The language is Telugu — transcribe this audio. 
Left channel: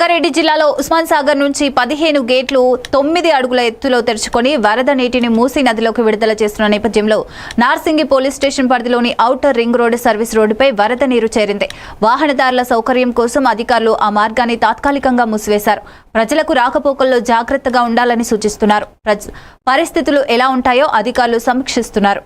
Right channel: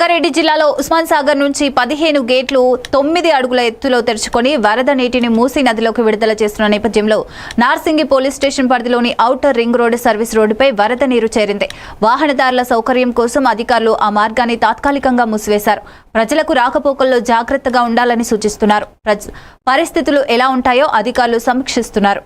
రంగారెడ్డి జిల్లాలో ఉస్మాన్ సాగర్ నుంచి పదిహేను గేట్లు తొమ్మిది అడుగుల ఎత్తులో తెరుచుకొని వరద నీటిని మూసీ నదిలోకి విడుదల చేస్తున్న నేపథ్యంలో నార్సింగి పోలీస్ స్టేషన్ పరిధిలోని ఔటర్ రింగ్ రోడ్డు సర్వీస్ రోడ్డుపై వరద నీరు చేరింది. వాహనదారుల సౌకర్యం కోసం అధికారులు ఆ మార్గాన్ని తాత్కాలికంగా మూసివేశారు. ప్రజలకు రాకపోకల్లో జాగ్రత్తగా ఉండాలని సూచిస్తున్నారు. పరిస్థితులు ఎలా ఉంటాయో అధికారులు సమీక్షిస్తున్నారు.